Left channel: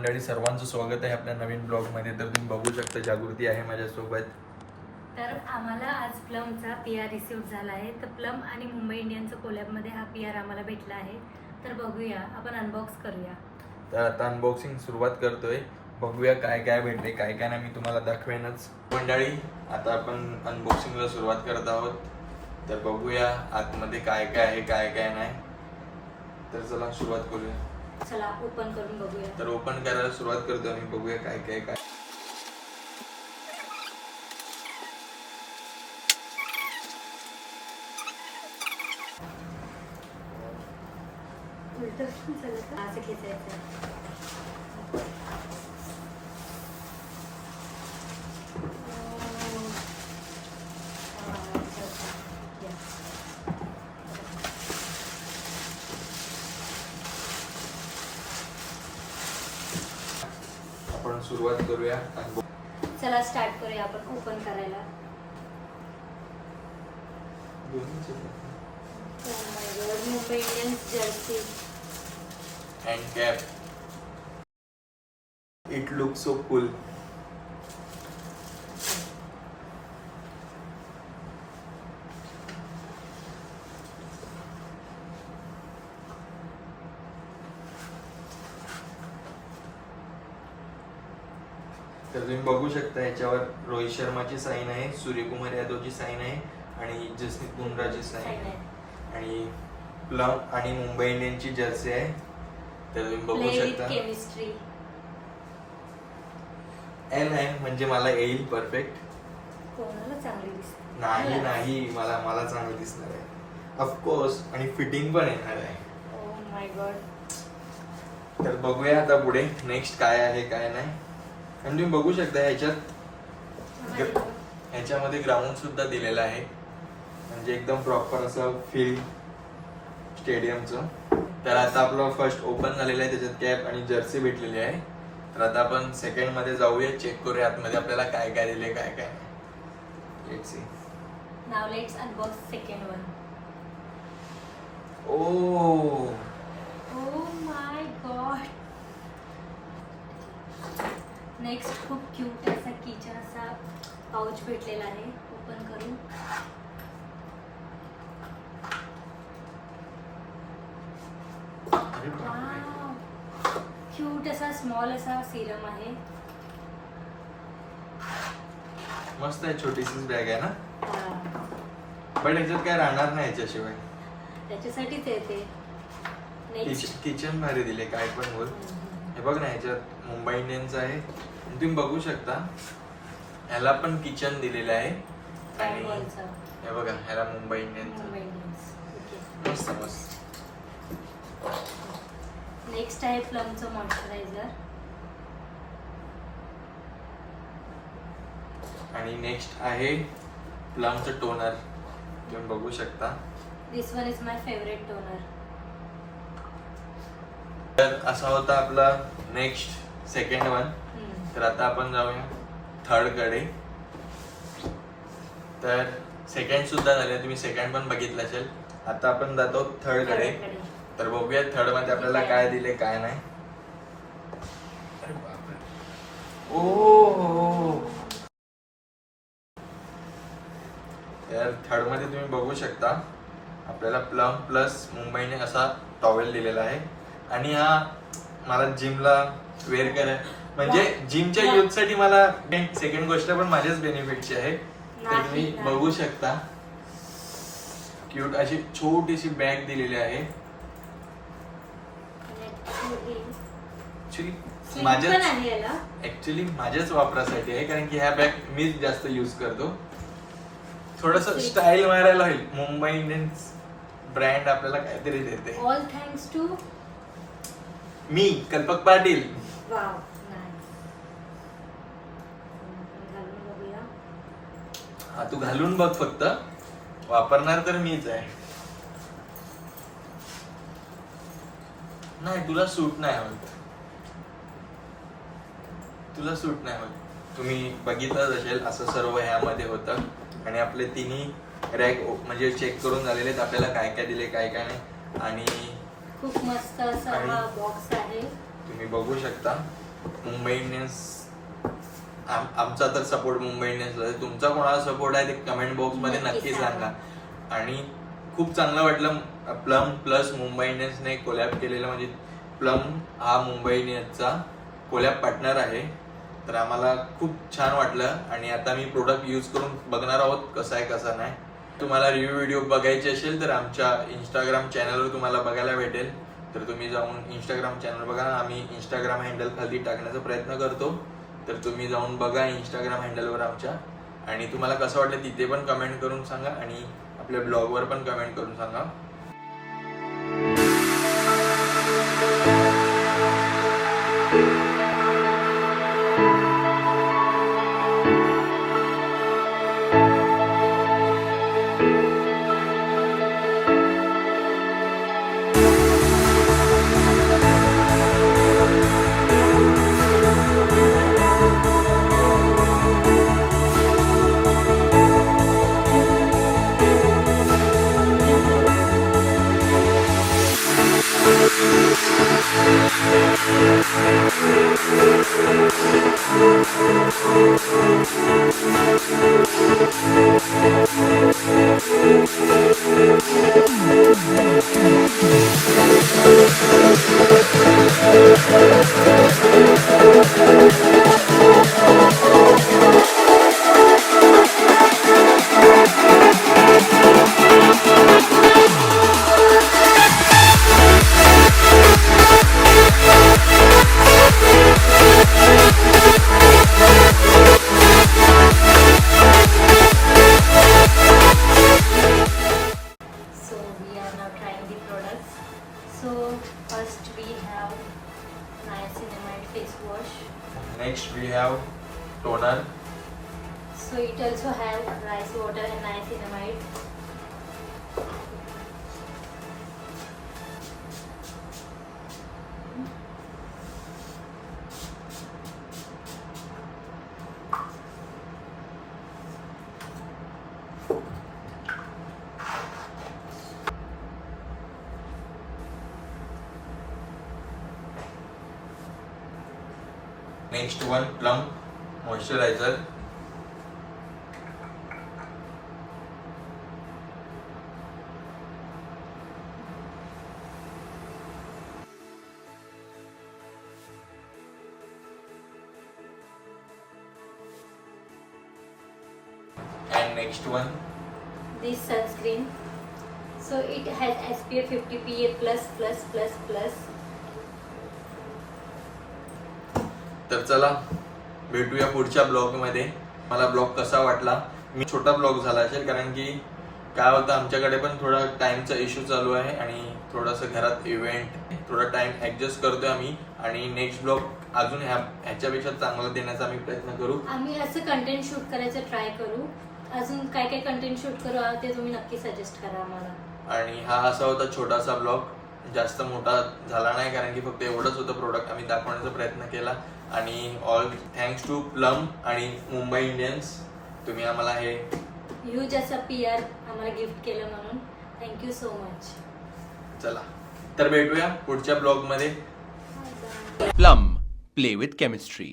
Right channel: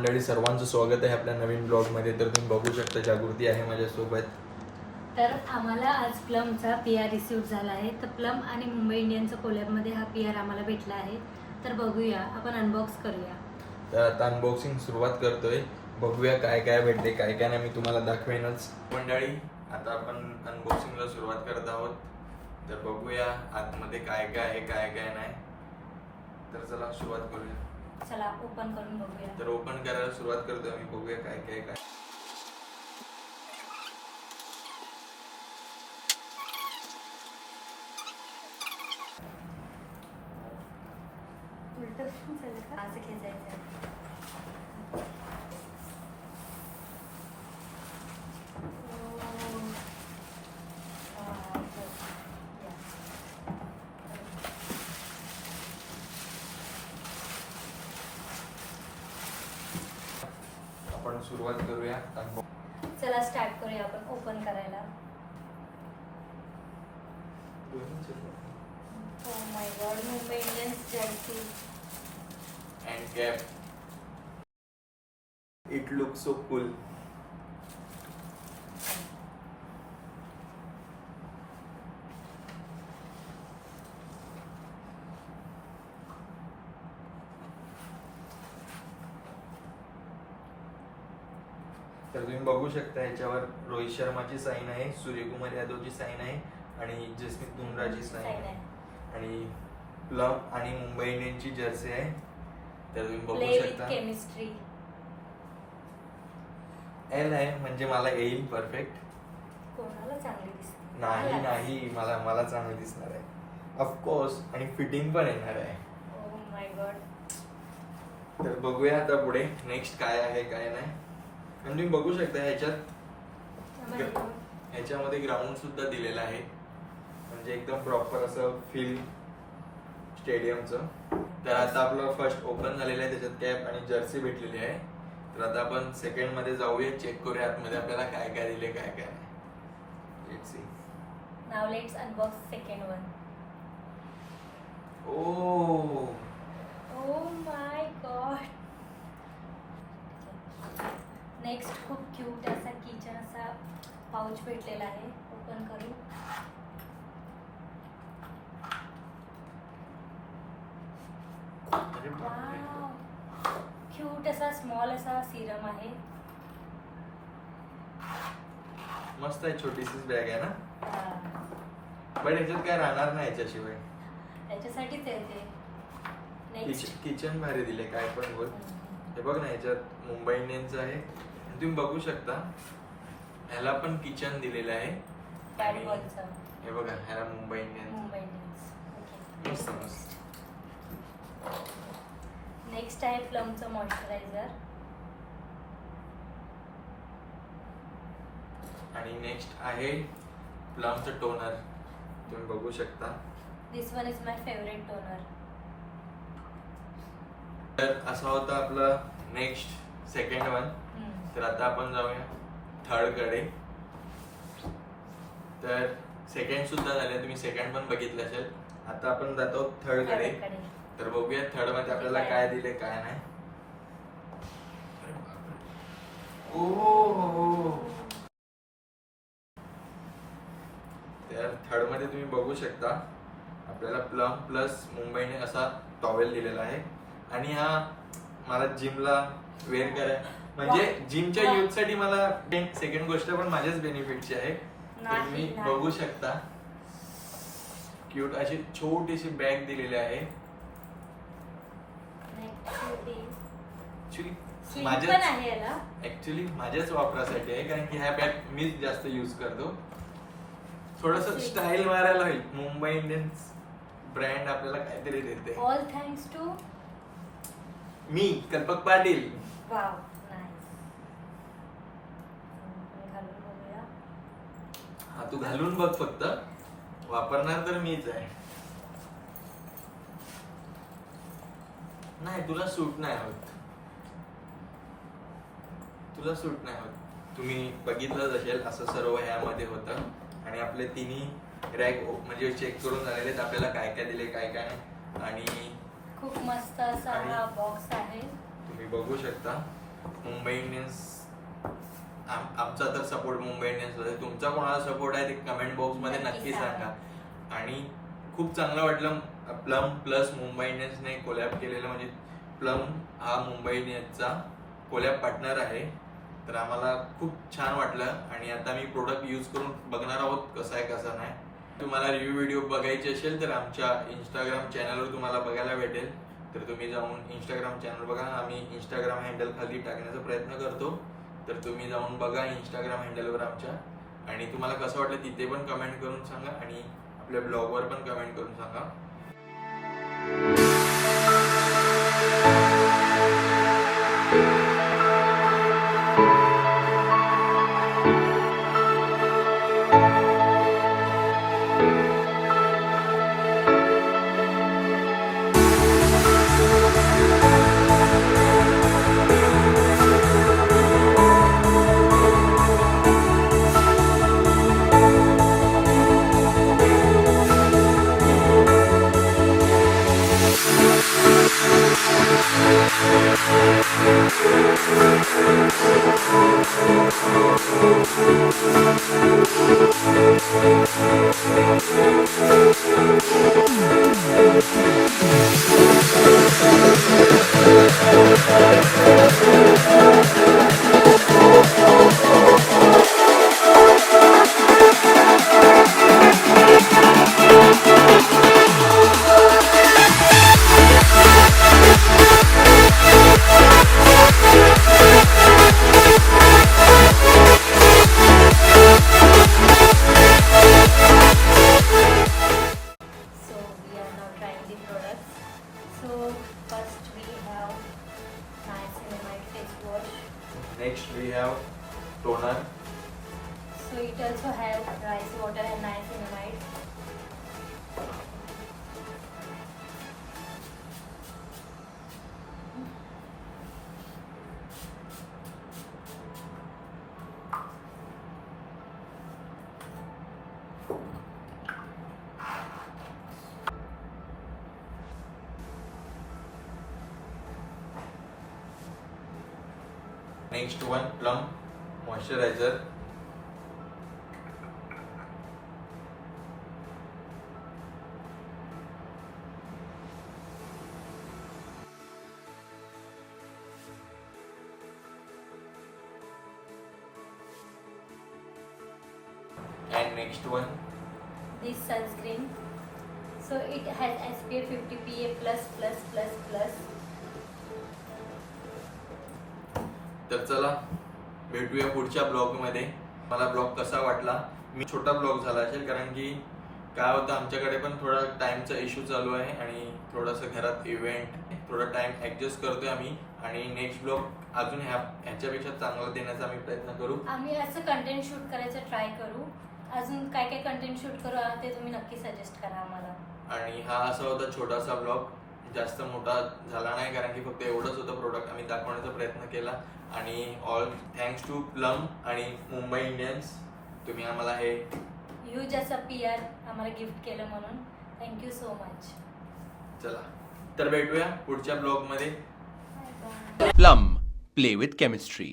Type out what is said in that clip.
मंडळी, सर्वांचं स्वागत आहे आपल्या नवीन ब्लॉगमध्ये. तर तुम्ही बघू शकता जागृती आहे माझ्यासोबत. तर आम्हाला आज प्लमचा PR रिसीव्ह झाला आहे. तर प्लम आणि मुंबई इंडियन्सच्या कोलॅबमध्ये हा PR आम्हाला भेटला आहे. तर बघूया, आपण अनबॉक्स करूया. तर आता अनबॉक्सिंग सुरुवात करतोय. बघूया काय काय भेटते, काय काय नाही, मी तुम्हाला दाखवेनच. मंडळी, आता आपण अनबॉक्सिंगला सुरुवात करत आहोत. तर बघूया आतमध्ये काय काय आहे, काय काय नाही. तर चला सुरुवात करूया. चला ओपन करून बघूया. तर ओपन करायला सुरुवात करतो आम्ही. बघूया काय काय काय. असं खेचायचं. आपण सुरुवात करूया. चला स्टार्ट करूया आपण ओपन करायला. Mumbai Indians Jersey and cap. It looks so cool. तर तुम्ही बघू शकता याच्यावर रोहित शर्माची साईन आहे, सूर्यकुमार यादवची साईन आहे आणि जसप्रीत बुमराहची साईन आहे आणि प्लम आणि मुंबई इंडियन्सची जर्सी आहे. तर तुम्ही बघू शकता केमिस्ट्री एल आहे, म्हणजे मला येईल परफेक्ट. कोणाला चांगली दिसते? नाही नाही, मला चांगलं दिसणार आहे ऑफकोर्स, आणि फिटिंग पण येणार आहे. Oh my God. तर बघूया आता पुढे नेक्स्ट काय आहे काय नाही. आणि तुम्ही बघू शकता ह्याच्यामध्ये ग्राउंड सुद्धा दिलेलं आहे, म्हणजे एकदम प्रॉपर असं फील्ड स्टेडियमचं. तर आता आपलं फर्स्ट ओपन झालेलं आहे, त्याच्यात कॅप आणि जर्सी भेटलेली आहे. तर आता आपण सेकंड मध्ये जाऊया, चेक करूया आतमध्ये आपल्याला काय काय दिले काय काय नाही. Let's see. Now let's unbox second one. Oh my God. Next खूप क्यूट असा किचन असा पाउच भेटलेला आहे. ओपन करू. अरे बापरे. क्यूट असा स्मॉल असा सिरम आहे. मस्त आहे, छोटीशीच बॅग आहे ना. बट ह्याच्यात काय राहणार नाही याच्याशिवाय. त्याच्यासाठीच आहे ते. नेक्स्ट किचन भारी दिले, काय पण बोल. हे बघ ना, ह्याच्यात मुंबई इंडियन्स आहे. तुम्ही बघू शकता ह्याला पण किचन दिलेलं आहे आणि हे बघा ह्याला मुंबई इंडियन्स. मस्त मस्त. नेक्स्ट आहे प्लमचं मॉइश्चरायझर आणि नेक्स्ट आहे प्लमचं टोनर. तुम्ही बघू शकता. This one is my favourite toner. तर असा होता आपला नेक्स्ट सेकंड वन. तर आता आपण जाऊया थर्ड कडे. तर सेकंड सुद्धा झाले, तुम्ही सेकंड पण बघितलं असेल. आता आपण जातो थर्ड कडे. तर बघूया थर्ड मध्ये आपल्याला काय दिले काय नाही. अरे बापरे. ओ, तर थर्ड मध्ये तुम्ही बघू शकता आपल्याला प्लम प्लस मुंबईने असा टॉवेल दिलेला आहे. आणि हा मला जिमला वेअर कराय, म्हणजे जिमच्या यूथ साठी मला. सेकंड गोष्ट पण माझ्याच बेनिफिटची आहे. तर तुम्ही बघू शकता क्यूट अशी छोटीशी बॅग दिलेली आहे. ऍक्च्युली माझ्याच वापरासाठी आहे, कारण की ह्या बॅग मीच जास्त यूज करतो. थोडस स्टाईल मारायला होईल. मुंबई इंडियन्स ब्रँड आपल्याला काहीतरी देते. ऑल थँक्स टू मी कल्पक पाटील. Wow, nice. घालून बघूया. हा, तू घालून बघ, फक्त वापरणार तर मीच आहे. नाही, तुला सूट नाही होत. तुम्ही बघितलं असेल असं सर्व ह्यामध्ये होतं. आणि आपले तिन्ही रॅक म्हणजे चेक करून झालेले आहेत, आपल्याला काय काय दिले काय काय नाही. आणि खूप मस्त असा हा बॉक्स आहे. तुम्ही बघू शकता मुंबई इंडियन्स आमचा तर सपोर्ट मुंबई इंडियन्सला आहे. तुमचा कोणाला सपोर्ट आहे ते कमेंट बॉक्समध्ये नक्की नक्की सांगा. सांगा. आणि खूप चांगलं वाटलं प्लम प्लस मुंबई इंडियन्सने कोलॅब केलेलं. म्हणजे प्लम हा मुंबई इंडियन्सचा कोलॅब पार्टनर आहे. तर आम्हाला खूप छान वाटलं आणि आता मी प्रोडक्ट यूज करून बघणार आहोत कसा आहे कसा नाही. तुम्हाला रिव्ह्यू व्हिडिओ बघायचे असेल तर आमच्या इंस्टाग्राम चॅनलवर तुम्हाला बघायला भेटेल. तर तुम्ही जाऊन इंस्टाग्राम चॅनल बघा. आम्ही इंस्टाग्राम हँडल खाली टाकण्याचा प्रयत्न करतो. तर तुम्ही जाऊन बघा इंस्टाग्राम हँडलवर आमच्या. आणि तुम्हाला कसं वाटलं तिथे पण कमेंट करून सांगा आणि आपल्या ब्लॉगवर पण कमेंट करून सांगा. So we are now trying the products. So first we have niacinamide face wash. Next we have toner. So it also have rice water and niacinamide. Next one Plum moisturiser. And next one, This sunscreen. So it has SPF 50 PA plus plus plus plus. तर चला भेटूया पुढच्या blog मध्ये. मला blog कसा वाटला. मी छोटा blog झाला असेल कारण की काय होतं आमच्याकडे पण थोडा टाइमचा इश्यू चालू आहे आणि थोडंसं घरात इव्हेंट थोडा टाइम ऍडजस्ट करतोय आम्ही. आणि नेक्स्ट ब्लॉग अजून ह्याच्यापेक्षा चांगला देण्याचा आम्ही प्रयत्न करू. आम्ही असं कंटेंट शूट करायचं ट्राय करू. अजून काय काय कंटेंट शूट करू ते तुम्ही नक्की सजेस्ट करा आम्हाला. आणि हा असा होता छोटासा ब्लॉग. जास्त मोठा झाला नाही कारण की फक्त एवढंच होतं प्रोडक्ट आम्ही दाखवण्याचा प्रयत्न केला. आणि ऑल थँक्स टू प्लम आणि मुंबई इंडियन्स. तुम्ही आम्हाला हे ह्यूज असं PR आम्हाला गिफ्ट केलं म्हणून थँक्यू सो मच. चला तर भेटूया पुढच्या ब्लॉग मध्ये. Plum. Play with chemistry.